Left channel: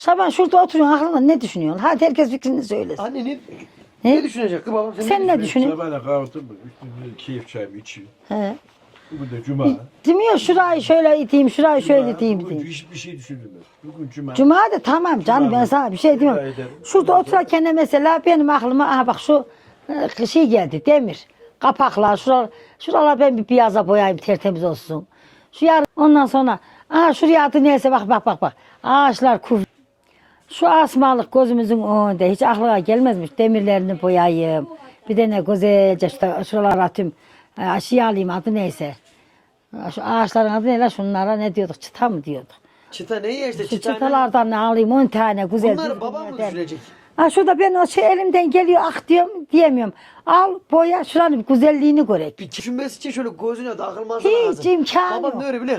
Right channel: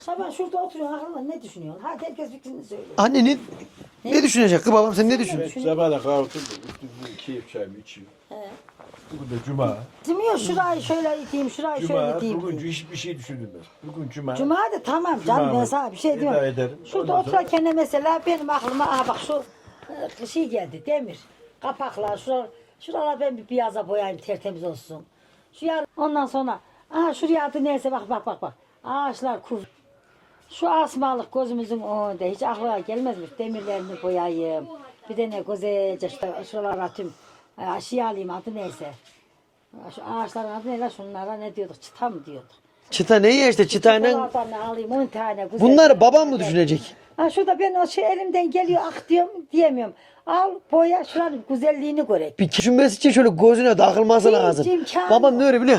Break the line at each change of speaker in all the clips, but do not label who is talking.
Şaban şurada oturuyorsun aklında ne düşünüyorsun? Hadi herkes fikrini söylesin.
Anne ne düşünecek kız babam sen
Sen
ne
ne
düşünüyorsun?
düşünüyorsun?
Sabahla kahvaltı keyif çayımı içeyim.
He.
Bugün de cuma.
Demiyor şurayı şöyle iteyim, şurayı şöyle
Cuma,
iteyim
bugün
diye.
hiçbir şey düşünülmez. Bugün cuma.
Cuma da tamam canım
Cuma.
ben sana bir şey
Veda
demiyorum.
ederim.
Şurada
Ondan sonra-
otururken de mesela benim aklıma aha bak şu şey geldi demir. Kapaklar şuralar ben bir piyaza boyayayım tertemiz olsun. Şu yarın ondan sonra aha şuraya adı neyse bak. Ağaçlar kuf. Şu asmalık gözümüzün önünde hiç aklına gelmezmiş demirlerini boyayayım. Bir de ne güzelce şuralara atayım. Aşıya alayım adı neyse. Şu ağaçların adı ne la şunlara ne diyorduk çıta mı diyorduk.
Çıta ne ya işte çıta ne?
Çıtalardan ne alayım 10 tane güzel.
Bunları babam mı düşünecek?
Ha şurada ben o şey elimden geliyor ah diyorum diyemiyorum. Al boya şuranın bir güzelliğini görek.
Bir düşünmesi için şöyle gözüne takılması
Hiç
lazım.
imkanı
Babam
yok.
ne öyle biliyor?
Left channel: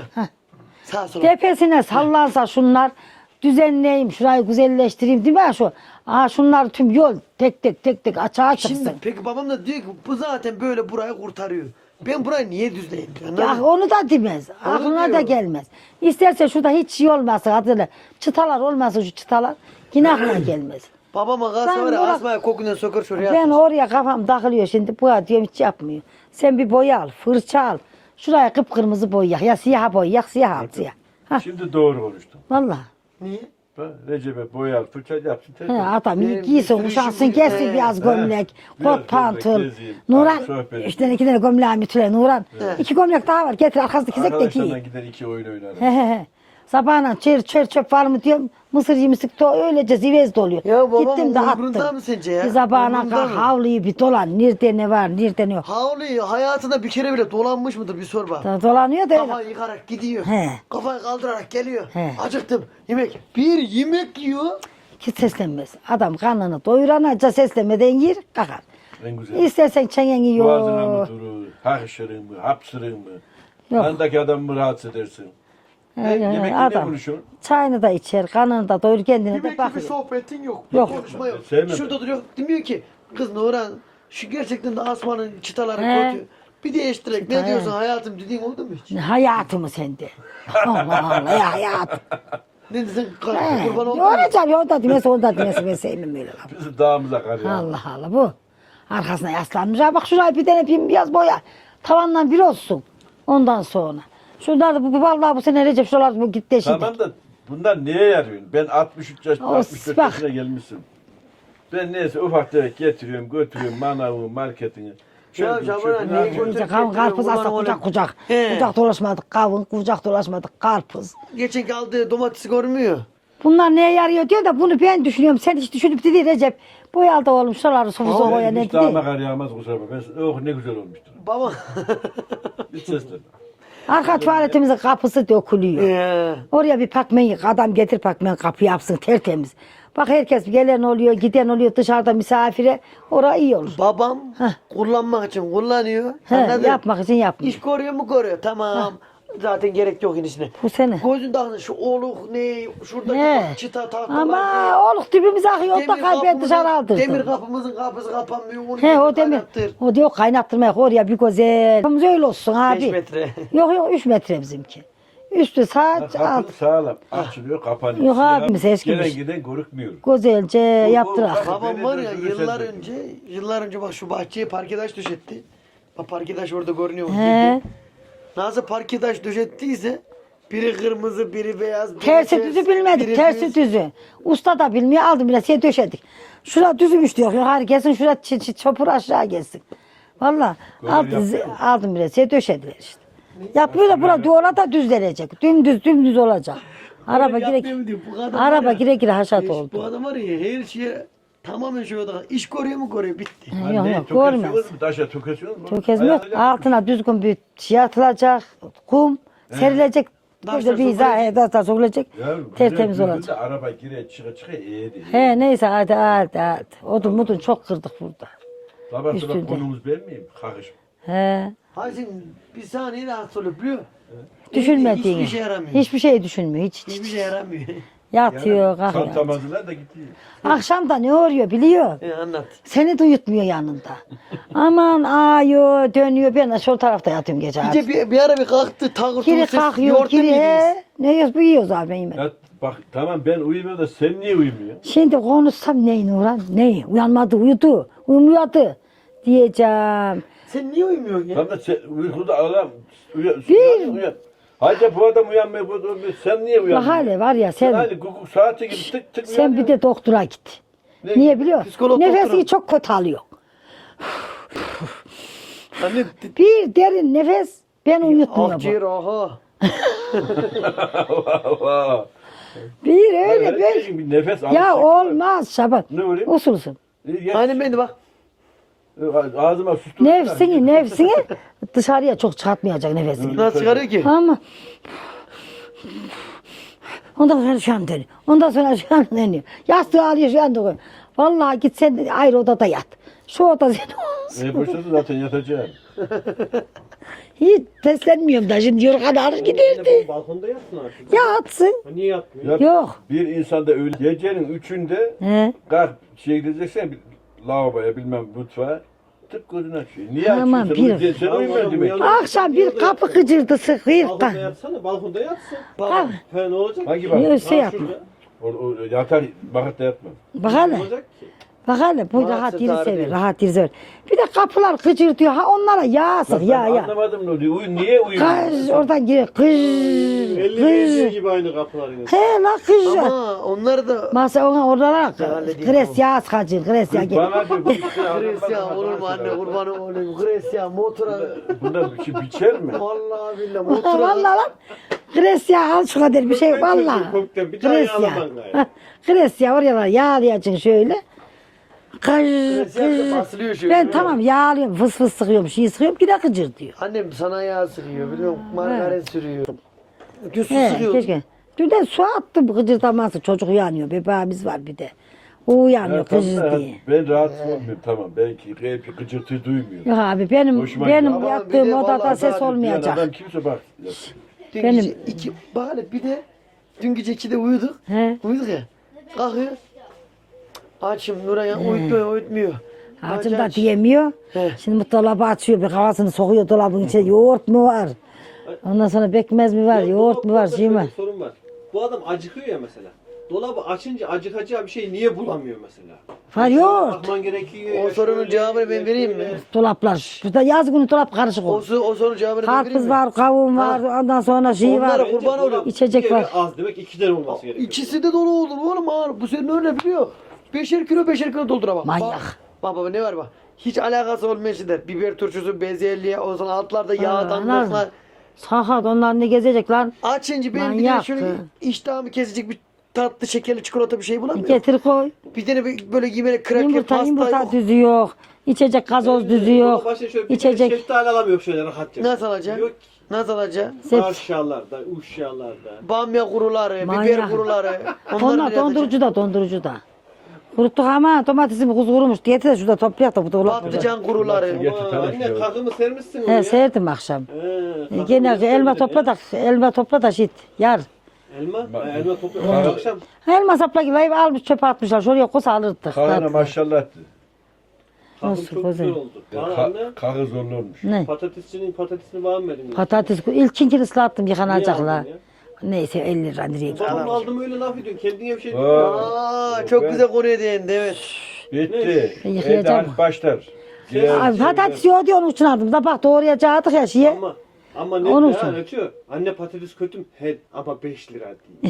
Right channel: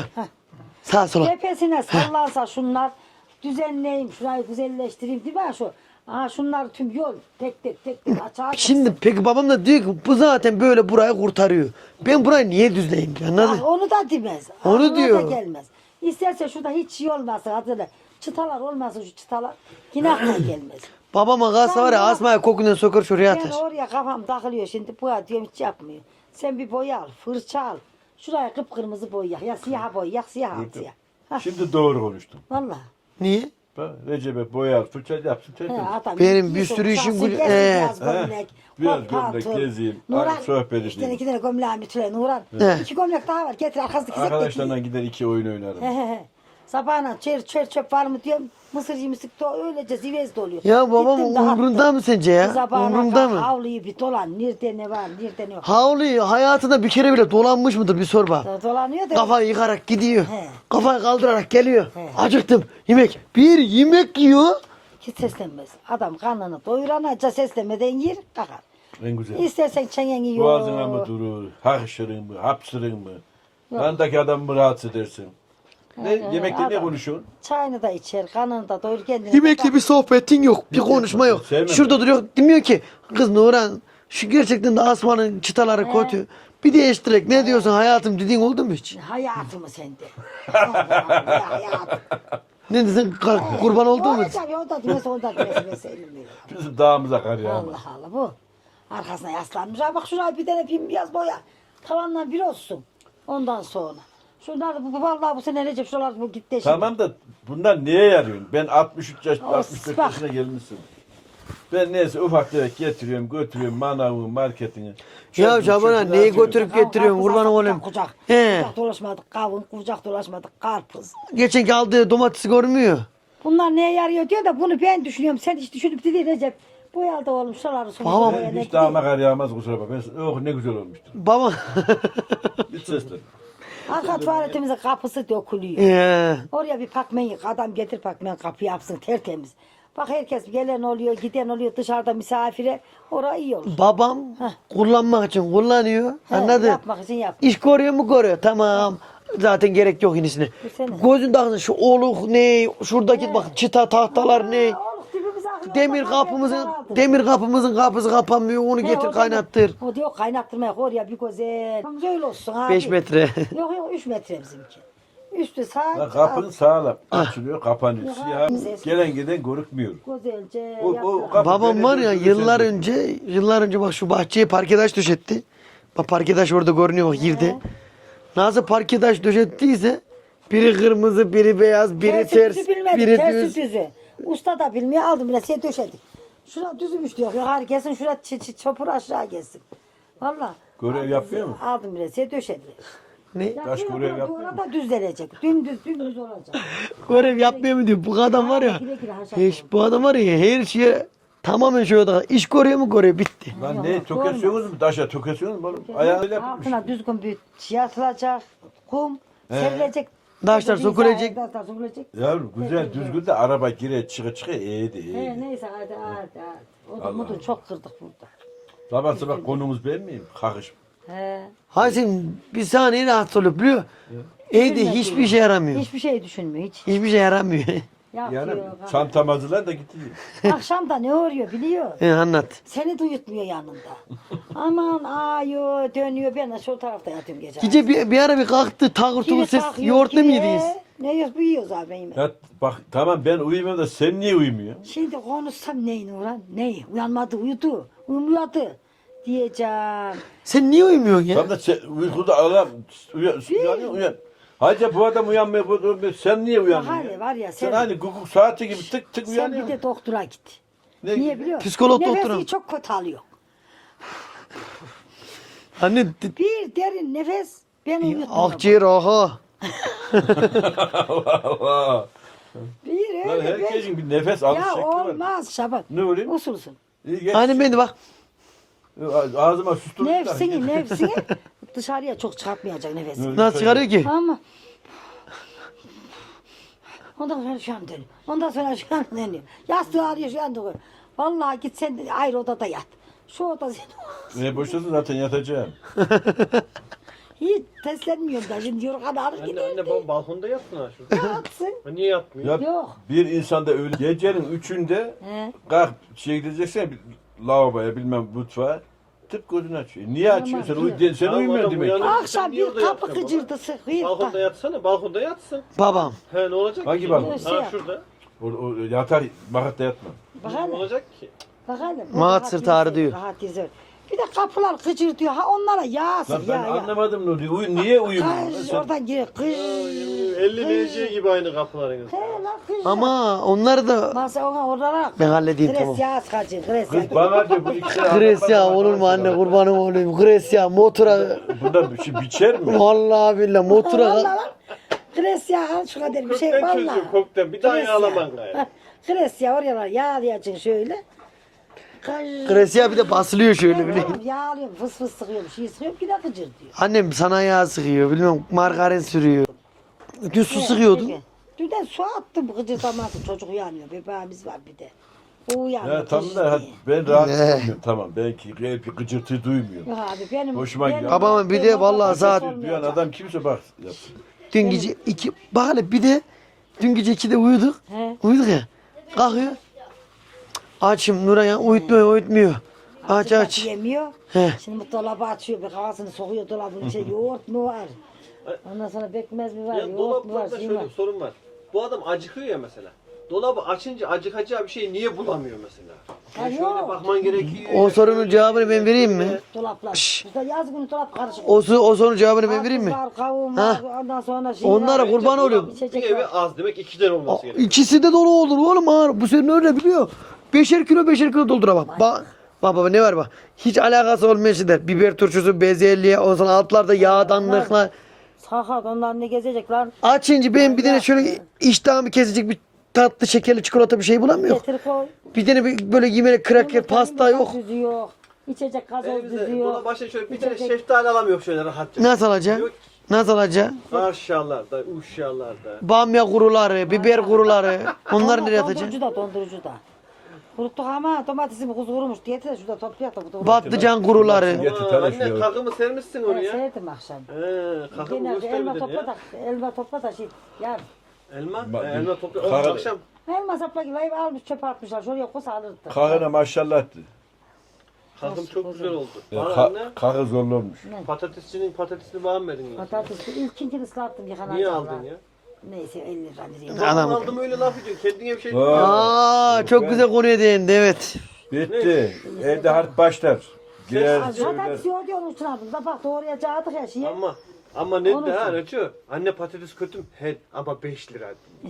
Sağ sola.
Tepesine sallansa şunlar düzenleyeyim şurayı güzelleştireyim değil mi şu? Aa şunlar tüm yol tek tek açığa çıksın.
Şimdi peki babam da diyor ki bu zaten böyle burayı kurtarıyor. Ben burayı niye düzleyeyim? Anladın
Ya
mı?
onu da demez.
Onu
Aklına da
diyor.
gelmez. İsterse şurada hiç şey olmasın adıyla. Çıtalar olmasın şu çıtalar. Yine aklına gelmez.
Babama kalsa
Ben
var ya
bak-
asmaya kokundan sokar şuraya
Ben
atar.
oraya kafam takılıyor şimdi. Bu diyorum hiç yapmıyor. Sen bir boya al, fırça al. Şuraya kıpkırmızı boyayak. Ya siyah boyayak, siyah al siyah. Ha,
Şimdi doğru konuştum.
vallahi.
Niye?
Bak Recep'e boyar, fırça yapsın.
He, adam
Benim bir
giysin,
sürü işim
kuşaksın,
bu-
kessin
He.
biraz gömlek,
Biraz
kot pantol.
gömlek, gezeyim,
Nuran,
sohbet
işte
edeyim.
2 tane gömleğim ütüle Nuran.
He.
2 gömlek daha var, getir arkasındaki zek de giy.
Arkadaşlarla gider 2 oyun oynarım.
He. Sabahına çöp var mı diyorum. Mısır yemiştik de öylece zivez doluyor.
Ya babam
Gittim de attım.
umrunda mı sence ya?
Bir sabahına
Umrunda
kalk
mı?
havluyu bir dolan. Nerede ne var, nerede ne yok.
Havluyu hayatında bir kere bile dolanmış mıdır bir sor bak.
Dolanıyor da.
Kafayı yıkarak gidiyor.
He.
Kafayı kaldırarak geliyor.
He.
Acıktım. Yemek. Bir yemek yiyor.
Hiç seslenmez. Adam karnını doyuranaca seslenmeden yer kalkar.
En güzel.
İstersen çengen yiyor.
Boğazına mı durur, hakşırın mı, hapsırın mı?
Yok.
Yanındaki adamı mı rahatsız edersin? Yemekte ne
adam
konuşuyorsun?
çayını da içer, karnını da doyur kendini de
Yemekle bir
bakıyor.
sohbetin yok. Bir konuşma yok.
Sevmem.
Şurada duruyor. Demiyor ki kız Nurhan şu gerçekten de asmanın çıtaları
He.
kötü. Bir değiştirek. Ne diyorsun hayatım dediğin oldu mu hiç?
Hayatımı sende. Allah Allah ya hayatım.
Ne diyorsun? Kurban oldu
Ya
mu?
olacak ya o da demesi o da demesi ben sevmem öyle laf.
Bizim dağımıza kar ya.
Allah Allah bu. Arkasına yaslanmış. Ha bak şurayı bir tane biraz boya. Tavandan bir olsun. Ondan sonra. Şurada da bu vallahi bu sene Recep şuralar bu gitti şimdi.
Tamam da bunlar neye yarıyor? Ben 63 yaş,
Olsun,
64
bak.
yaşına gelmişsin. Ben neyse ufak tefek getiriyorum, götürüyorum manavımı, marketini.
Ya Şaban'a neyi götürüp getiriyorsun? Kurban olayım.
Kucak.
He.
Kucak dolaşmadık kavun, kucak dolaşmadık karpuz.
Geçenki aldığı domatesi görmüyor.
Bunlar neye yarıyor diyor da bunu ben düşünüyorum. Sen hiç düşünüp de değil Recep. Boyalı da oğlum şuraları sofuzu boya
Ben
ne
hiç dağıma
değil.
kar yağmaz kusura bakma. Oh ne güzel olmuştur.
Baba.
Hiç seslen.
Arka tuvaletimizin kapısı dökülüyor. Oraya bir pakmen adam getir pakmen kapı yapsın tertemiz. Bak herkes gelen oluyor, giden oluyor dışarıda misafire. Orası iyi olur.
Babam kullanmak için kullanıyor.
He,
Anladın?
yapmak için yapmak.
İş koruyor mu koruyor? Tamam. Zaten gerek yok inisine.
Bu sene.
Gözün takın şu oluk ne, şuradaki
He.
bak çıta tahtalar ne.
Ama oğlum dibimize akıyor.
Demir
Dışarı aldı.
demir kapımızın kapısı kapanmıyor. Onu
He,
getir
o demir-
kaynattır.
O diyor kaynattırmak oraya bir güzel. Kapımız öyle olsun abi.
5 metre.
Yok 3 metre bizimki. Üstü saat
Kapın
alt.
sağlam. Açılıyor, kapanıyor.
Yok abi,
Siyah,
biz eskimiş.
gelen giden görükmüyor.
Güzelce yaptır.
bak-
Babam var ya
Belediye
yıllar önce bak şu bahçeye parkedaş döşetti. Bak parkedaş orada görünüyor bak
He.
girdi. Nasıl parkedaş döşettiyse biri kırmızı, biri beyaz, biri
Tersi
ters,
düzü bilmedik,
biri
tersi
düz.
düzü. Usta da bilmiyor, aldım bile şey döşedik. Şura düzmüş diyor, yukarı gelsin, şura çopur aşağı gelsin. Valla
Görev yapıyor mu?
aldım bile şey döşediler işte.
Ne?
Yapmıyor da bura duvara da düzlenecek. Dümdüz olacak.
Öyle yapmıyor mu diyor. Bu adam var
araba
ya.
gire haşat
hiç
oldu.
Bu adam var ya her şeye tamamen şöyle da iş koruyor mu koruyor bitti.
Yok,
Lan ne
yok,
tökesiyorsunuz mu? Taşa tökesiyorsunuz mu?
Tökezme
Ayağıyla
altına düzgün bir şey atılacak, kum serilecek.
Taşlar
bir
sökülecek.
izah, taşlar sökülecek.
Yavrum
Tertemiz
güzel
olacak.
düzgün de araba gire çıka iyiydi.
He neyse hadi. Odun mudun çok kırdık burada.
Sabah
üstünde.
sabah konumuz ben miyim? Kakış.
He.
Hayır sen bir saniye rahatsız olup biliyor. Evde
Düşünmediğim.
hiçbir şey yaramıyor.
Hiçbir şey düşünmüyor hiç.
Hiçbir şey yaramıyor.
Yatıyor, kalkıyor.
Çantam hazırlan da gitti.
Akşam da ne oluyor biliyor.
Anlat.
Seni de uyutmuyor yanında. Aman ağıyor, dönüyor. Ben de sol tarafta yatıyorum gece.
Gece bir ara bir kalktı tağır
Kiri
tuğ ses
kalkıyor,
yoğurtlu mu
kiri.
yediniz?
Ne yiyoruz bu yiyoruz abi ben yemedim.
Ya bak tamam ben uyumuyorum da sen niye uyumuyorsun?
Şimdi konuşsam neyin Nurhan? Neyi? Uyanmadı uyudu. Uyumuyordu. Diyeceğim.
Sen niye uyumuyorsun ya?
Tam da sen uykuda ağlam. Uyan. Hacı bu adam uyanmıyor. Sen niye
Bak
uyanmıyorsun?
hele var ya
Sen
sen,
aynı guguk saati gibi tık tık
sen
uyanıyorsun.
bir de doktora git.
Ne?
Niye biliyor musun?
Psikolog
Nefesini
doktoru.
çok kötü alıyor.
Anne
Bir derin nefes ben uyutmuyor.
akciğer aha.
Allah Allah.
Bir öyle
Her
ben.
şeyin bir nefes
Ya
alışıklığı var.
olmaz Şaban.
Ne oluyor?
Usul usul.
Anne ben de bak.
Ağzıma sustum.
Nefsini dışarıya çok çarpmayacak nefesini.
Nasıl çıkarıyor ki?
Ama ondan sonra şu an dönüyor. Ondan sonra şu an dönüyor. Yastığı alıyor şu anda koyuyor. Vallahi git sen ayrı odada yat. Şu oda senin.
Ne boşladın zaten yatacaksın.
Hiç teslenmiyorum da şimdi yorgan alır
Anne
giderdi.
bu balkonda yatsın ha şurada.
Yatsın.
Ha, niye yatmıyor?
Ya,
Yok.
Bir insanda öyle gecenin 3'ünde
He.
kalk gideceksen bir lavaboya bilmem mutfağa tık gözünü açıyor. Niye
Aman,
açıyorsun?
bir-
Sen uyumuyorsun demek ki.
Akşam bir kapı gıcırdı sıkıyor.
Balkonda yatsana, balkonda yatsın.
Babam.
He ne olacak?
Bak bak.
Neyse
Ha
yapma.
şurada.
O yatar bakatta yatma.
Bak
Ne
hele.
olacak ki?
Bak hele. Bu
Maat
rahat
sırtarı
yeri
diyor.
Rahat yeri sever. Bir de kapılar gıcır diyor. Ha onlara yağ sık
Ben
ya.
anlamadım ne oluyor. Niye
Kız
uyumuyorsun?
oradan gir. Kız.
50 geliyor
Kız.
gibi aynı kapıların.
He la kız.
Ama onları da
Masa ona oralara
Ben halledeyim,
Gres
tamam.
yağ sıkacı. Gres yağ
Kız
gel.
bana diyor. bir şey
Gres ya
anlatmadan
olur mu
bana
anne
şey
kurbanım olayım. Gres ya motora.
Bunlar bir şey biçer mi?
Vallahi billahi motora.
Vallahi lan. Gres yağ al şu kadar bir şey
Kökten
vallahi.
çocuğu, kökten. Bir daha
Gres
yağlaman
yağ.
gayrı.
Heh, Gres yağ oraya yağlayacaksın şöyle.
Gres yağ bir de basılıyor şöyle.
Ben tamam yağlıyorum fıs fıs sıkıyorum şey sıkıyorum ki de gıcır diyor.
Annem sana yağ sıkıyor bilmem margarin sürüyor. Düz su
He,
sıkıyordu.
peki. Dün de su attım gıcırdaması çocuk uyanıyor bebeğimiz var bir de. O
Ya
uyanıyor
tamam
kız
da
diye.
ben rahat olmuyorum tamam. Belki bir gıcırtı duymuyorum.
Yok abi benim
Hoşuma
benim
gidiyor.
Babamın bir de
yaptığım odada
vallahi
ses
zaten
Bir
olmayacak.
adam kimse bak.
Dün
Benim-
gece iki, bak hele bir de dün gece 2'de uyuduk.
He.
Uyuduk ya. Kalkıyor. Açım Nuray ya uyutmuyor. Aç
Ağzım
aç.
yemiyor.
He.
Şimdi bu dolabı açıyor, bir havasını sokuyor dolabın içine. Yoğurt mu var? Ondan sonra bekmez mi var,
Ya
yoğurt mu var,
dolapta
şey mi var?
şöyle bir sorun var. Bu adam acıkıyor ya mesela. Dolabı açınca acıkacağı bir şey niye bulamıyor mesela?
Ha
Şöyle
yoğurt.
bakman gerekiyor.
O sorunun cevabını ben vereyim mi?
Dolaplar. Burada yaz günü dolap karışık olur.
O sorunun cevabını ben vereyim
Karpuz
mi?
var, kavun var, ondan sonra şey
Onlara
var.
kurban oluyor.
İçecek var.
Az demek 2'den olması gerekiyor.
İkisi de dolu olur oğlum ağır. Bu senin öyle biliyor. 5'er kilo dolduramam.
Manyak.
Bak ne var bak. Hiç alakası olmayan şeyler. Biber turşusu, bezelye, o zaman altlarda yağdanlıklar.
Sakat onlar ne gezecek lan?
Açınca ben bir tane
Manyak.
şöyle iştahımı kesecek bir tatlı şekerli çikolata bir şey bulamıyorum.
Getir koy.
Bir tane böyle yemeğe kraker pasta
Yumurta
yok.
düzü yok. İçecek gazoz düzü yok.
Başta şöyle bir tane
İçecek.
şeftali alamıyor şöyle rahatça.
Nasıl alacak?
Yok.
Nasıl alacak?
Aşağılarda, uşağlarda.
Bamya kuruları, biber
Manyak.
kuruları. Onları
Onlar
nereye atacak?
dondurucuda. Kuruttuk ama domatesim kuz kurumuş. Getir de şurada toplayalım da bu dolapta.
Patlıcan kuruları.
Getir,
Aa,
tanış
anne
ya.
takımı sermişsin onu
He
ya.
serdim akşam.
He,
Gene
takımı
elma
sermedin
elma topla da şit. Yar.
ya. Elma?
Bak,
Elma topla.
Kahve-
Akşam.
Elma sapla gibi ev almış çöpe atmışlar. Şuraya kus alırdık.
Kahvene maşallah.
Takım
Nasıl
çok
güzel.
güzel oldu. Bana anne
Kahve zorlu olmuş.
Ne?
patatesçinin patatesini beğenmedin ya.
Patates ilkinkini ıslattım
Niye
yıkanacaklar.
aldın ya?
Neyse 50 lira nereye gidiyor?
Adam aldım öyle laf ediyorsun. Kendine bir şey
Aa, çok güzel kuruyor değindi evet.
Bitti.
Yıkayacağım.
Evde hadi başlar. Girer,
Abi patates yoğurdu onun için aldım. Da bak doğrayacaktık ya şeye.
Ama ne
Onun
daha
için.
Reço? Anne patates kötü mü? He, ama 5 lira.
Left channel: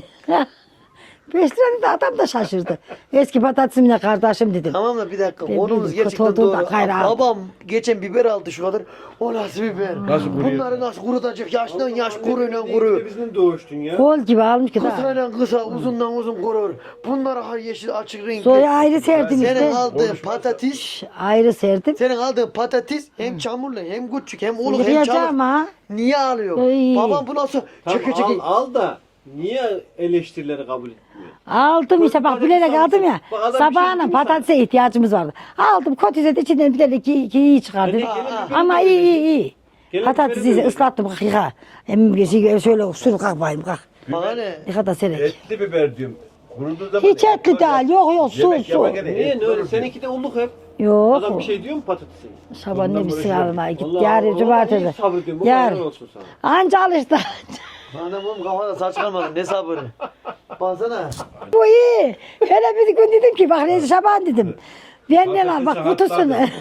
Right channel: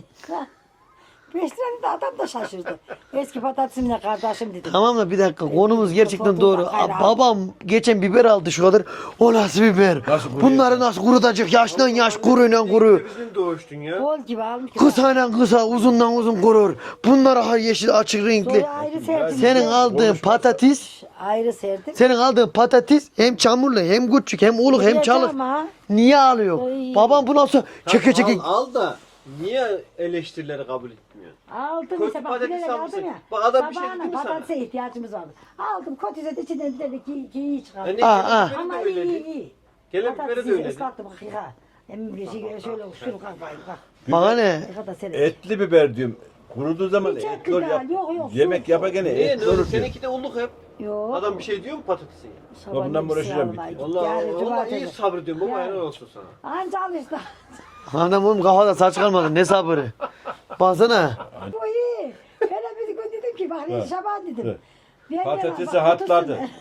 5 lira dedi adam da şaşırdı. Eski patatesimle kardeşim dedim.
Tamam da bir dakika
Ben
konumuz
bildim,
gerçekten
kötü olduğu
doğru.
da gayrı aldım.
Babam geçen biber aldı şu kadar. O nasıl biber?
Nasıl kuruyor?
Bunları nasıl kurutacak? Yaştan yaş kuruyla kuru.
Bizim doğuştun ya.
Kol gibi almış ki. daha.
Kısayla kısa, uzundan uzun kurur. Bunlar ha yeşil açık renkli.
Sonra ayrı serdim
Senin
işte.
aldığın patates,
Ayrı serdim.
senin aldığın patates hem çamurlu, hem küçük, hem uluk, hem
Yıkayacağım
çalık.
ha.
Niye alıyor?
Ay.
Babam bu nasıl? Çeke çeke.
Al da niye eleştirileri kabul etmiyor?
Aldım işte bak
Patates
bilerek
almışsın.
aldım ya.
Bak adam bir şey
Sabahına
diyor
patatese ihtiyacımız vardı. Aldım kotize içinden bir tane iyi çıkardım.
Ha.
Ama iyi.
Gelen
Patatesi
biberi de öyle.
ıslattım bak yıka. Hem bir şey şöyle sür kalk bayım kalk.
Bana ne?
Yıka da serek.
Etli biber diyorum. Kuruduğu zaman...
Hiç etli değil, yok, su,
Yemek
su.
yaparken
Niye?
et olur diyor.
Seninki de ulluk hep.
Yok.
Adam bir şey diyor mu patatese?
Şaban
Ondan
ne bir
uğraşıyorum.
almaya git.
Allah
Yarın
Allah,
cumartesi.
iyi sabredin, bu
Yarın.
kadar olsun sana.
Anca al işte.
Anam oğlum kafada saç kalmadı ne sabırı. Baksana.
Bu iyi. Hele bir gün dedim ki bak Reis Şaban dedim. Ben ne lan bak
Patatesi
kutusunu.
hatladı.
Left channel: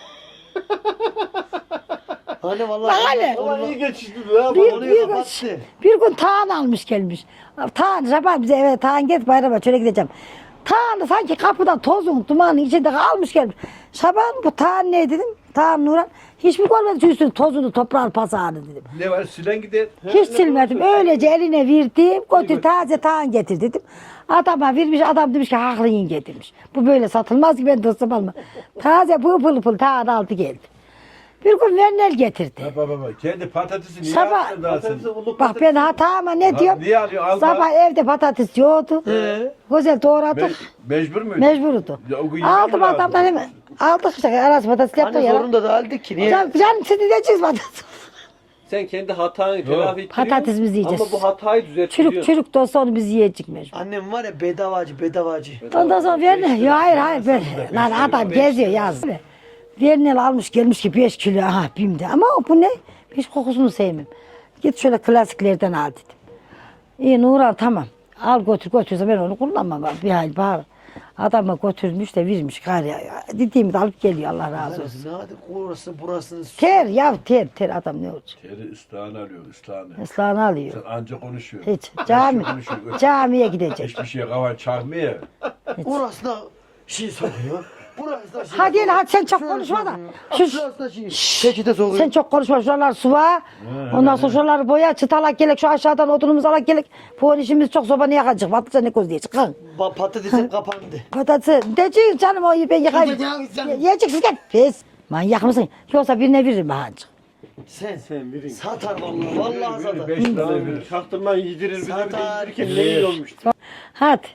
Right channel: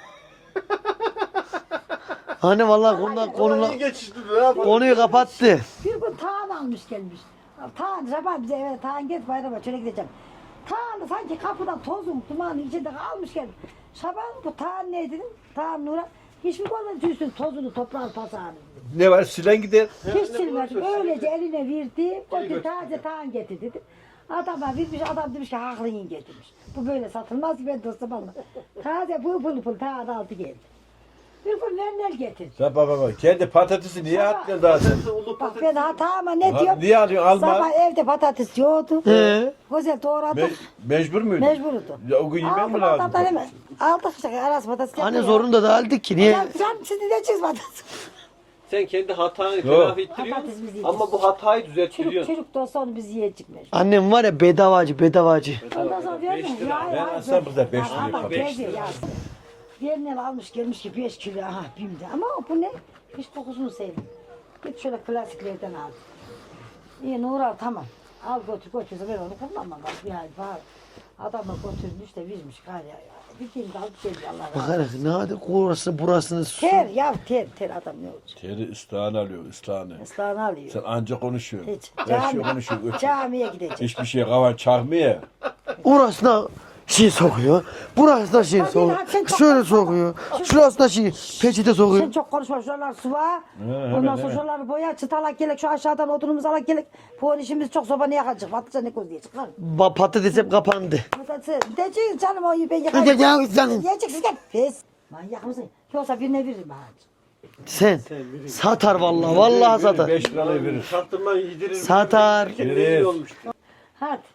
Anne vallahi
Bak
bundan
hele.
konunu,
İyi geçişti ha.
konuyu kapattı.
Bir gün Tağan almış gelmiş. Tağan Şaban bize evet Tağan git bayrama şöyle gideceğim. Tağan'ı sanki kapıdan tozun dumanın içinde almış gelmiş. Şaban bu Tağan ne dedim? Tağan Nuran. Hiç mi görmedin şu üstünün tozunu toprağın pasağını dedim.
Ne var silen gider.
Hiç silmedim. Öylece eline verdim. Götür taze Tağan getir dedim. Adama vermiş adam demiş ki haklı yenge demiş. Bu böyle satılmaz ki ben dostum alma. Taze pıl pıl Tağan aldı geldi. Bir gün Vernel getirdi.
Baba kendi patatesi niye
Sabah-
attın daha sen?
Bak ben hatama ne diyorum?
Niye alıyorsun? Alma.
Sabah evde patates yoktu. Güzel doğradık.
Mecbur muydun?
Mecburdu.
Ya o gün yemek mi
Aldım
lazım?
adamdan hemen. Aldık işte arası patates yaptık.
Anne zorunda da aldık ki niye?
Canım siz diyeceksiniz patates.
Sen kendi hatanı telafi ettiriyorsun.
Patatesimizi yiyeceğiz.
Ama bu hatayı
Çürük
düzeltiyorsun.
çürük de olsa onu biz yiyecek mecbur.
Annem var ya bedavacı.
Ondan sonra Vernel, ya hayır ben, lan adam geziyor yazdı. Vernel almış gelmiş ki 5 kilo aha bimde ama bu ne? Hiç kokusunu sevmem. Git şöyle klasiklerden al dedim. İyi Nurhan tamam. Al götür ben onu kullanmam abi. Bir ay bağır. Adama götürmüş de vermiş gari. Dediğimi de alıp geliyor Allah razı olsun.
Ne hadi orası burasını
Ter ya ter adam ne olacak?
Teri ıslahını alıyor ıslahını.
Islahını alıyor.
Sen anca konuşuyorsun.
Hiç. Camiye gidecek.
Hiçbir şeye kavan çarpmıyor.
orasına şey sokuyor. Burasına şey
Hadi
sokuyor.
hadi sen çok
Şöyle
konuşma.
sokuyor.
Şu-
Şurasına şey peçete sokuyor.
Sen çok konuşma şuralar suva. Ondan sonra şuraları boya çıtalak gelek şu aşağıdan odunumuzu alak gelek. Bu işimiz çok sobanı yakacak. Patlıcan ne koz diyecek.
Patates hep kapandı.
Patatesi. Diyecek canım o ben yakayım.
Diyecek canım.
Yiyeceksin gel. Pes. Manyak mısın? Yoksa birine veririm hancık.
Sen satar vallahi satar.
5 lira verir.
Çaktırman yedirir.
Satar.
Kendine olmuş.
Hadi.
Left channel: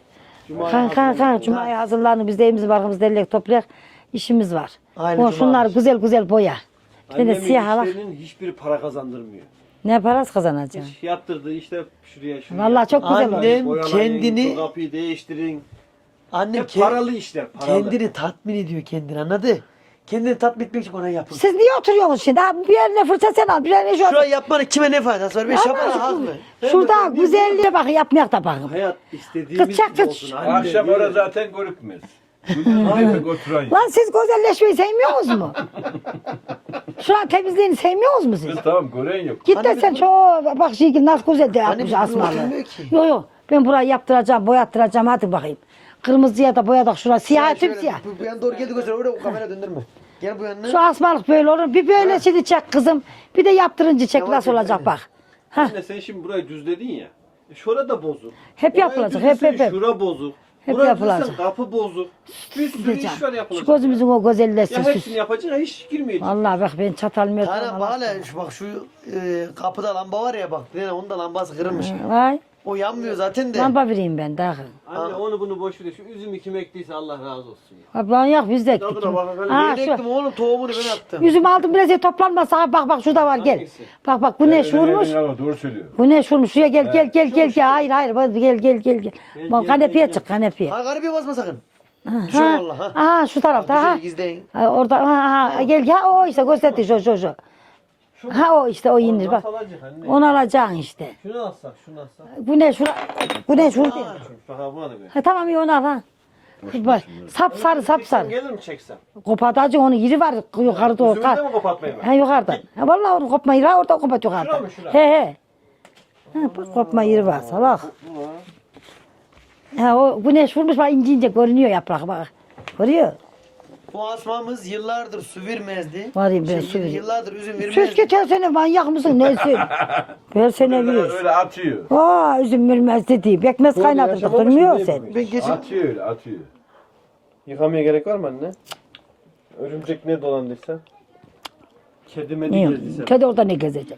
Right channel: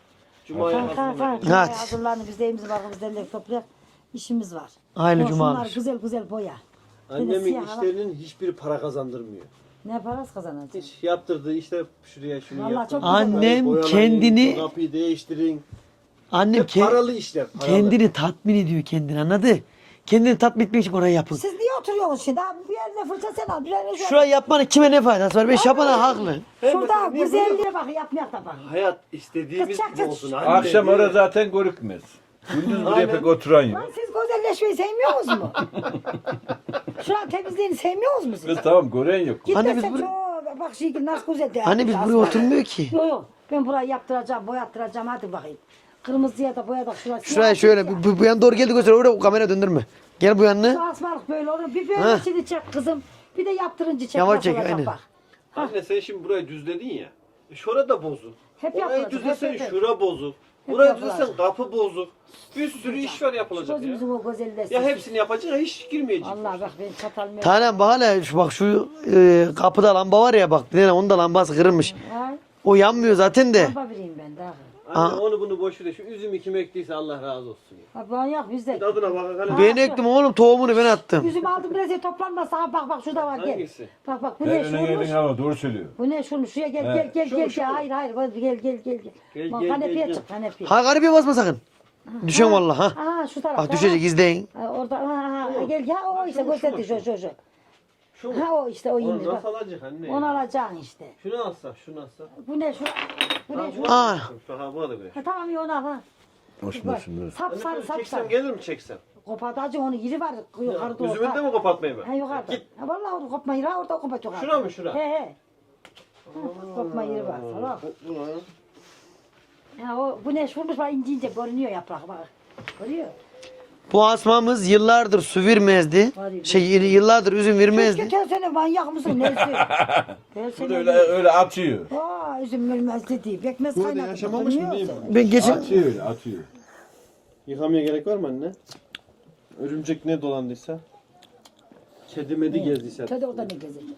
Kan. Cuma'ya
Hadi.
hazırlanın. Biz de evimizi barkımızı derlek toplayak. İşimiz var.
Aynı
O
Cuma
şunlar
olmuş.
güzel boya. Bir de
Annemin
siyah alak.
işlerinin hiçbiri para kazandırmıyor.
Ne parası kazanacaksın?
Hiç yaptırdığı işte şuraya.
Vallahi çok güzel olmuş.
Annem
Boyalayın,
kendini
şu kapıyı değiştirin.
annem
Hep paralı işler. Paralı.
kendini tatmin ediyor kendini anladı? Kendini tatmin etmek için orayı yapın.
Siz niye oturuyorsunuz şimdi? Ha, bir yerine fırça sen al, bir yerine şu
Şu an yapmanın kime ne faydası var? Ben şapana
Ama
haklı.
Şurada güzelliğe bak, yapmayak da bakın.
Hayat istediğimiz
Kız çak
gibi
kız.
olsun. Anne.
Akşam orada zaten görükmez. Gündüz bir pek oturan yok.
Lan siz güzelleşmeyi sevmiyorsunuz mu? Şu an temizliğini sevmiyorsunuz mu siz?
Kız tamam gören yok.
Git de
Anne
sen
biz
çok bak şey nasıl güzel de
Anne biz buraya oturmuyor ki.
Yok ben burayı yaptıracağım, boyattıracağım hadi bakayım. Kırmızıya da boyadık şuraya siyah.
Şöyle
siyah.
bu yan doğru geldi göster oraya kamera döndürme. Gel bu
Şu
yanına.
asmalık böyle olur. Bir böyle
Ha.
şimdi çek kızım. Bir de yaptırınca çek
Yavaş
nasıl
çek,
olacak
aynen.
bak. Ha.
Anne sen şimdi burayı düzledin ya. Şurada bozuk.
Hep
Orayı
yapılacak,
düzlesen
hep.
Şura bozuk.
Hep
Burayı
yapılacak.
düzlesen kapı bozuk. Bir sürü iş var
Şu
yapılacak.
gözümüzün o güzelleşsin.
Ya hepsini yapacak hiç girmeyecek.
Vallahi bak ben çatal
Tane bahane şu bak şu kapıda lamba var ya bak bir tane onun da lambası kırılmış.
Vay.
O yanmıyor zaten de.
Lamba vereyim ben daha.
Anne onu bunu boş ver. Şu üzümü kim ektiyse Allah razı olsun. Ya.
Ablan yok biz de ektik.
Tadına bakın hele.
Ha,
Ben
şu-
ektim oğlum tohumunu ben attım.
Üzüm aldım biraz toplanmasa ha, bak şurada var gel.
Hangisi?
Bak bu ne şurmuş?
Doğru söylüyor.
Bu ne şurmuş? Şuraya gel. Hayır bak gel. Bak kanepeye çık kanepeye.
Ha garibeye basma sakın. Düşüyor vallahi ha.
Aha şu
Bak
tarafta. Ha.
düşecek izleyin.
Ha, orada gel o işte gösterdi şu. Ha o işte o inir bak.
Nasıl alacak anne?
Onu alacaksın işte.
Şunu alsak şunu alsak.
Bu ne şura? Bu ne şurada?
Ha.
Şu ha bu arada be.
Ha tamam iyi onu al ha. Bak sap sarı.
Çeksem gelir mi çeksem?
Kopatacı onu yeri var yukarıda doğru.
Üzümü de mi kapatmayayım ben?
Ha yukarıda. Ha vallahi onu kopma yeri var orada kopat yukarıda.
Şura mı, şura?
He. Ha bak kopma yeri var salak. Ha o güneş vurmuş bak ince görünüyor yaprak bak. Görüyor.
Bu asmamız yıllardır su vermezdi.
Var ya, ben
Şey yıllardır üzüm
Keşke
vermezdi.
tersene manyak mısın neyse. Versene
Öyle,
bir.
öyle atıyor.
Aa üzüm vermez dedi. Bekmez kaynatıp durmuyor sen.
Ben geçen
Atıyor öyle atıyor.
Yıkamaya gerek var mı anne? Örümcek ne dolandıysa? Kedi medi gezdiyse.
Kedi orada ne gezecek?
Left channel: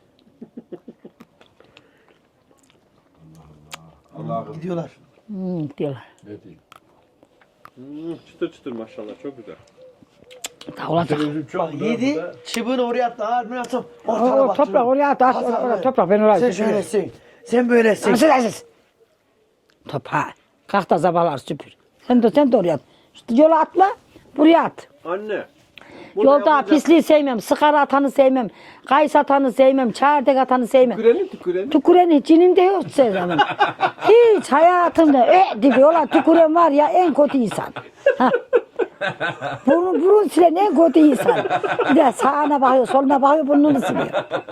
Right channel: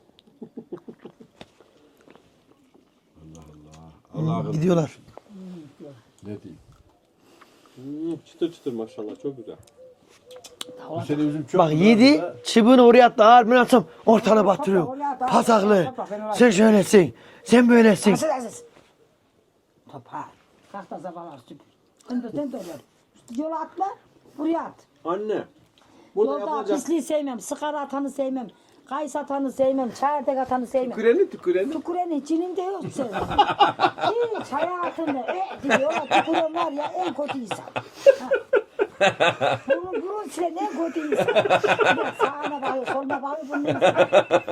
Allah'ım
gidiyorlar.
Diyorlar.
ne diyeyim.
Çıtır çıtır maşallah çok güzel.
Ta olacak.
Üzüm çok
Bak
güzel
yedi
burada.
çubuğunu oraya attı ağır ben atsam ortana
Oo,
batırıyor.
toprak oraya at, at,
Pasaklı.
toprak, ben oraya
Sen
götürüyorum.
şöylesin. Sen böylesin.
Asıl. Topa. Kalk da zabalar süpür. Sen de oraya at. Şu yola atma. Buraya at.
Anne Burada
Yolda
yapılacak-
pisliği sevmem, sigara atanı sevmem, kayısı atanı sevmem, çardek atanı sevmem.
Tüküreni.
Tüküren içinin de yok Sezan'ın. Hiç hayatımda diyorlar tüküren var ya en kötü insan. Ha. Burun silen en kötü insan. Bir de sağına bakıyor, soluna bakıyor, burnunu siliyor.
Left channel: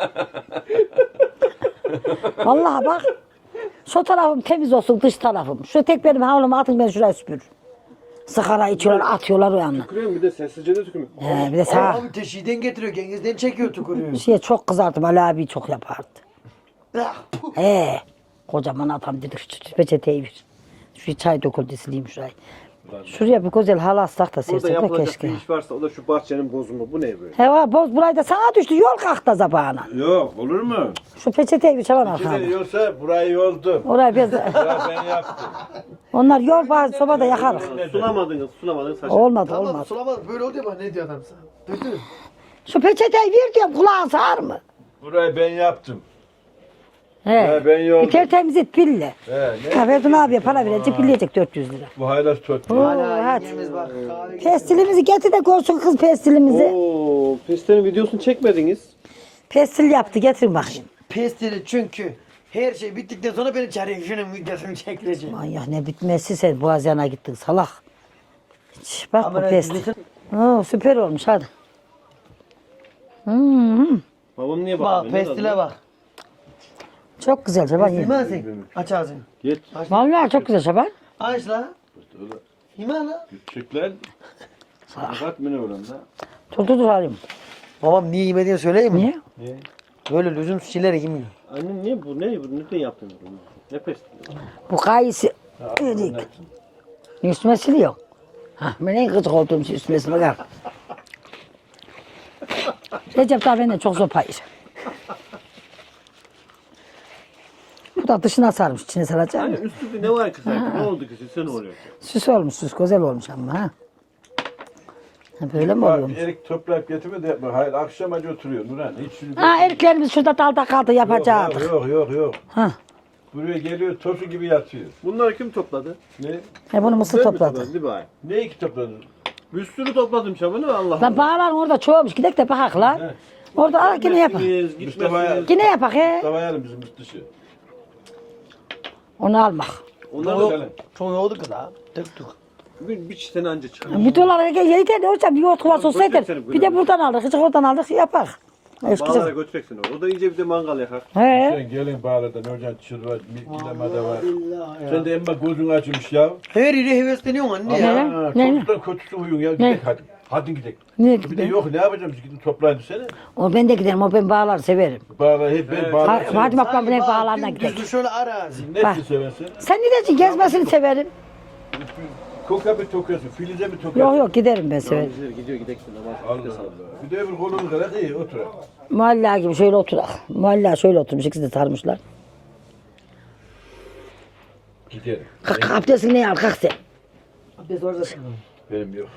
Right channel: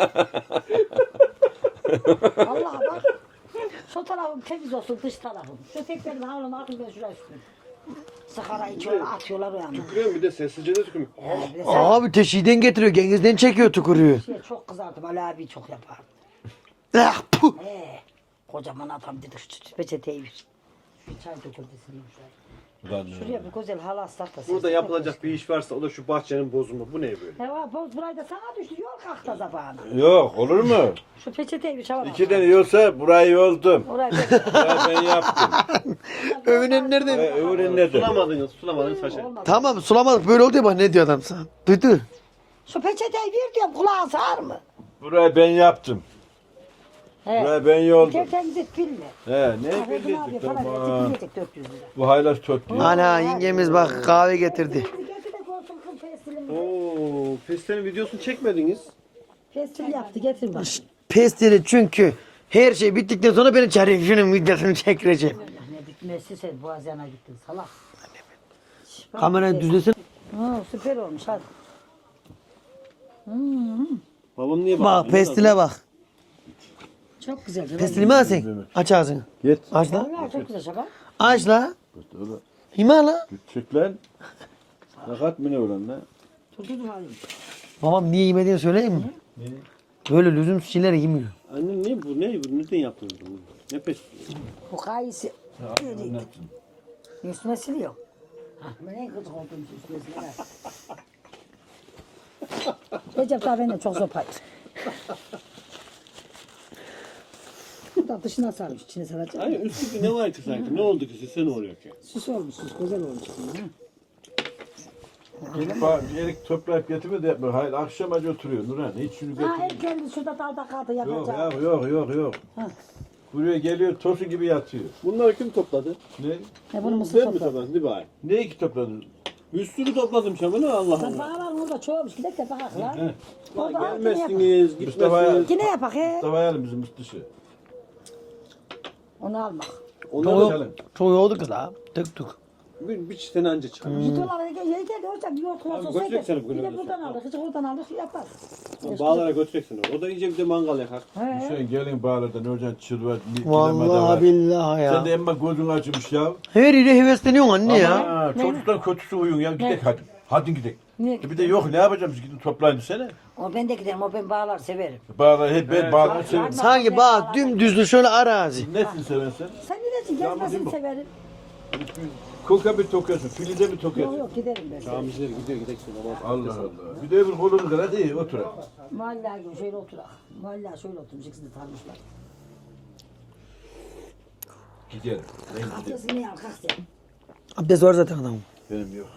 Vallahi bak. Şu tarafım temiz olsun, dış tarafım. Şu tek benim havlumu atın, ben şuraya süpürürüm. Sigara içiyorlar, atıyorlar o yana.
Tükürüyorum bir de sessizce de tükürüyorum.
Bir de sağ
Abi teşhiden getiriyor. Gengizden çekiyor tükürüyor.
çok kızardım. Ali abi çok yapardı.
Ah, puh.
Kocaman adam dedi şu peçeteyi ver. Şu çay döküldü sileyim şurayı. Şuraya bir güzel halı astak da
Burada
sersek de
yapılacak
keşke.
bir iş varsa o da şu bahçenin bozumu. Bu ne böyle?
Heva boz burayı da sana düştü. Yol kalktı zabağına.
Yok olur mu?
Şu peçeteyi bir çalan
İki
bakalım.
tane yolsa burayı yoldum.
Orayı ben...
Burayı ben yaptım.
Onlar yol
Öğrenler
bazı
de-
sobada yakar.
Öğrenler de.
Sulamadınız saçma.
Olmadı.
Tamam
olmadı.
sulamadık böyle oldu ya bak ne diyor adam sana. Duydu.
Şu peçeteyi ver diyorum kulağın sağır mı?
Burayı ben yaptım.
He.
Ben yoldum.
Tertemiz et pille.
Ne?
Ha Verdun abiye para verecek pilleyecek 400 lira.
Bu haylaz tut.
Ana
hadi.
yengemiz bak kahve getirdi.
Pestilimizi getir de görsün kız pestilimizi.
Oo, Pestel'in videosunu çekmediniz.
Pestil yaptı getirin bakayım.
Pestili çünkü her şey bittikten sonra beni çağırıyor. Şunun videosunu çekeceğim.
Manyak ne bitmesi sen Boğaziyan'a gittin salak. Şş, bak bu
Kamerayı
pestil.
düzülsün.
Süper olmuş hadi.
Babam niye
Bak
bakmıyor?
pestile bak.
Çok güzel Şaban.
Pestil mi alsın? Aç ağzını.
Git.
Aç lan.
Vallahi çok güzel Şaban.
Aç la. Hima la.
Küçük lan. Fakat mı ne olan lan?
Dur alayım.
Babam niye yemediğini söyleyeyim mi?
Niye?
Böyle lüzumsuz şeyleri yemiyor.
Anne niye bu? Ne bu? Neden yaptınız bunu? Ne pestili?
Bu kayısı. Üstüme siliyor. Ha, ben en gıcık olduğum şey üstüme siliyor. Bak. Recep daha benden çok sopa yer. Bu da dışına sarmış, içine saracak.
Hani üstü bir ne var ki sanki? Ne oldu ki size ne oluyor ki?
Süs olmuş, süs güzel olmuş ama ha. Böyle mi
Bak
oluyor?
bir yere toplayıp getirme de yapma. Hayır akşam acı oturuyor Nurhan. Hiç şunu
Ha eriklerimiz şurada dalda kaldı yapacağız.
Yok.
Ha.
Buraya geliyor tosu gibi yatıyor.
Bunları kim topladı?
Ne?
Bunu mısır
Sen mi
topladı.
topladın, değil mi ay?
Ne iki topladın?
Bir sürü topladım Şaban'ı Allah
Lan
Allah.
bağlar orada çoğumuş, gidek de bakak lan.
He.
Orada al yine yapak.
Gitmezsiniz,
Mustafa'ya-
gitmezsiniz.
Yine yapak he.
Mustafa yarın bizim dışı.
Onu almak.
Onları da
Selam.
Çok oldu kız ha. Tık tık.
bir çiften anca çıkar.
Bir dolar yeter de hocam bir yoğurt kovası
Abi,
olsa yeter.
götürsene bu
Bir de
kadar.
buradan aldık, hiç oradan aldık yapak.
Bağlara götüreceksin onu. O da iyice bir de mangal yakar.
He.
Sen gelin bağırdan Nurcan çılvar.
Vallahi billahi ya.
Sen de emma gözün açmış ya.
Her yere hevesleniyorsun anne ya.
Aa,
Ne?
çocuklar kötüsü uyuyor ya.
Ne?
Gidek hadi. Hadi gidek.
Ne
Bir de yok ne yapacağım biz gidin toplayın seni.
O ben de giderim, o ben bağlar severim.
Bağlar hep ben bağlar
Hadi,
seviyorum.
hadi bakalım
Sanki
ne
bak
bağlardan gidelim.
dümdüzlü şöyle arazi.
Ne için seversen?
Sen ne dersin gezmesini severim.
Koka bir tokuyorsun, filize bir tokuyorsun.
Yok giderim ben severim.
Bizler gidiyor gideceksin namaz.
Allah Allah. Bir de öbür kolunu kadar değil otur.
Muhalla gibi şöyle oturak. Muhalla şöyle oturmuş, ikisi de sarmışlar.
Gidelim.
Kalk abdestini ne al kalk sen.
Abdest var zaten adamın.
Benim yok.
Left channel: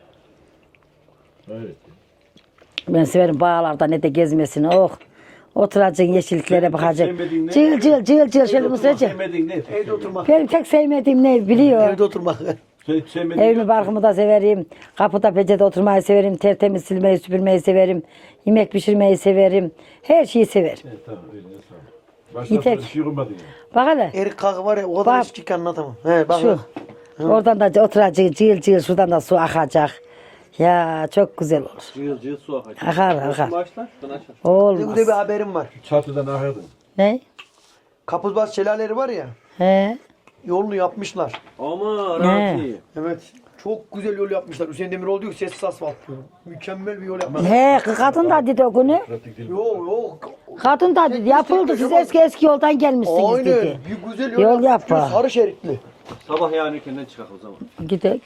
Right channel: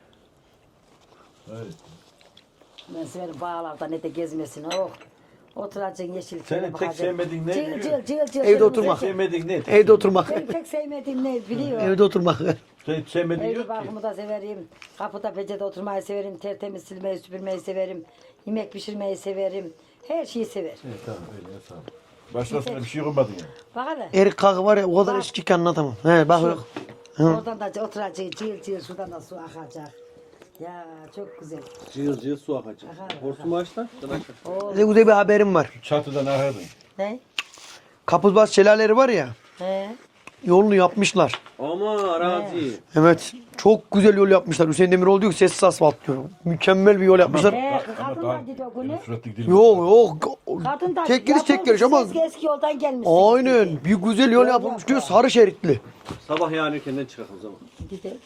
Evet.
Ben severim bağlarda ne de gezmesini. Oh. Oturacaksın yeşilliklere
Senin tek
bakacaksın.
sevmediğin ne?
Cıl şöyle
oturmak,
oturacaksın.
Sevmediğin ne?
Evde oturmak.
Benim tek sevmediğim ne biliyor.
Evde oturmak.
Sen hiç sevmediğin
Evli barkımı da severim. Kapıda peçete oturmayı severim. Tertemiz silmeyi süpürmeyi severim. Yemek pişirmeyi severim. Her şeyi severim.
Tamam öyle sağ ol. Başka
Yeter.
bir şey olmadı mı?
Bak hele.
Erik kalkı var ya o kadar
Bak.
eski ki anlatamam. He bak
Şu.
bak.
Oradan da oturacaksın cıl cıl şuradan da su akacak. Ya çok güzel olur.
Cıyıl su akar.
Akar akar.
Maaşlar akar.
Bir de
Olmaz.
bir haberim var.
Çatıdan ahırdın.
Ne?
Kapuzbaz şelaleleri var ya.
He.
Yolunu yapmışlar.
Ama arazi.
Evet. Çok güzel yol yapmışlar. Hüseyin Demiroğlu diyor ki sessiz asfalt diyor. Mükemmel bir yol yapmışlar.
He kadın da dedi o günü.
Surat dikdil.
Yok.
Kadın da
Çekiliş
yapıldı
çekiliş
siz
ama-
eski yoldan gelmişsiniz
Aynen.
dedi.
Bir güzel yol,
Yol
yapmış diyor.
yapar.
Sarı şeritli.
Sabah yani erkenden çıkar o zaman.
Gidek.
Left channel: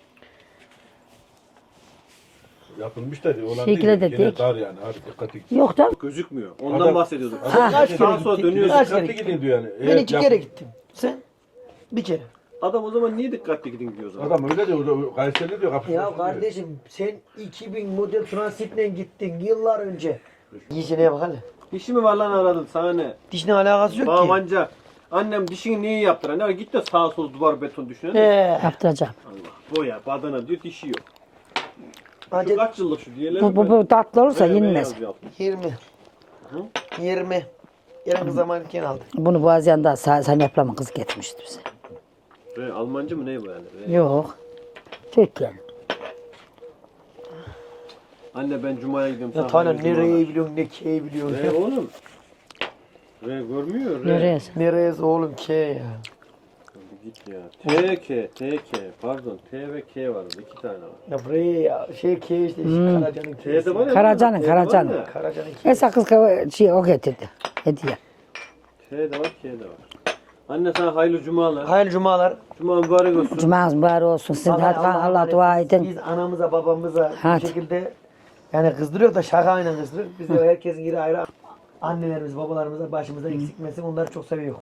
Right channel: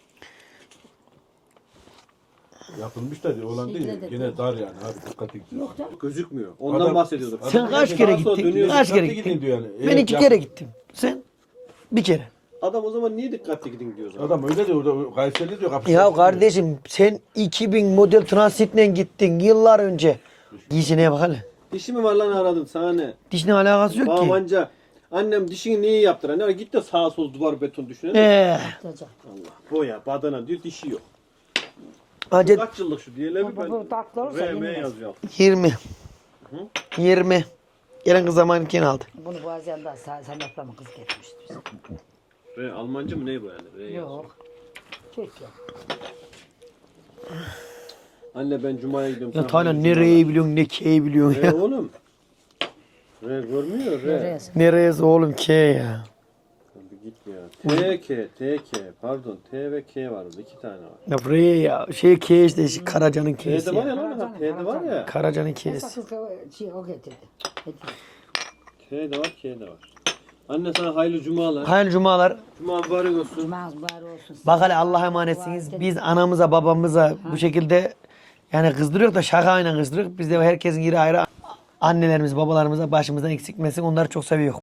Yapılmış da olan
Şekile
değil.
de
Gene
değil.
dar yani. Hafif dikkatli git.
Yok da
Gözükmüyor. Ondan
Adam-
bahsediyorduk.
Sen kaç kere
Sağa sola
gittin?
dönüyorsun.
Kaç kere
Dikkatli
gittin?
gidin diyor yani.
Ben
Evet,
iki kere gittim. Sen? Bir kere.
Adam o zaman niye dikkatli gidin diyor o zaman?
Adam öyle diyor. Orada Kayseri diyor. kapısı
Ya
açık diyor.
kardeşim sen 2000 model transitle gittin yıllar önce. Dişine bak hele.
Dişi mi var lan aradın sana ne?
Dişine alakası yok ki.
Amanca. Annem dişini niye yaptıran? Ne var? Git de sağa sola duvar beton düşünelim.
He.
yaptıracağım.
Allah. Boya, badana diyor dişi yok.
Hacet
Kaç yıllık şu diyelim.
Bu tatlı olursa yenmez.
20. 20. Gelen kız zamanken aldı.
Bunu Boğaziyan'da sen yaplama kız getirmişti bize.
Almancı mı ne bu yani?
Yok. Türkiye.
Anne ben Cuma'ya gidiyorum.
Ya
sonra
Taylan
Cuma'da.
nereyi biliyorsun ne keyi biliyorsun ya.
Oğlum. Görmüyor.
Neresi?
Neresi oğlum ke ya.
Git ya. TK. Pardon. T ve K var orada. 2 tane var.
Ya buraya ya şey ke işte Karaca'nın keyisi.
T'de var ya.
Karacan'ın,
T'de var
Karacan'ın.
ya.
Karaca'nın
Esra
keyisi.
kız o getirdi. Hediye.
T'de var, K'de var. Anne sana hayırlı cumalar.
Hayırlı cumalar.
Cuma mübarek olsun.
Cumanız mübarek olsun. Siz
Bak hele
Allah'a
Allah'a
dua
emanetsiniz.
edin.
Biz anamıza babamıza bu
Hadi.
şekilde yani kızdırıyor da şakayla kızdırıyor. Biz de herkesin yeri ayrı annelerimiz babalarımıza başımızdan eksik etmesin. Onları çok seviyor.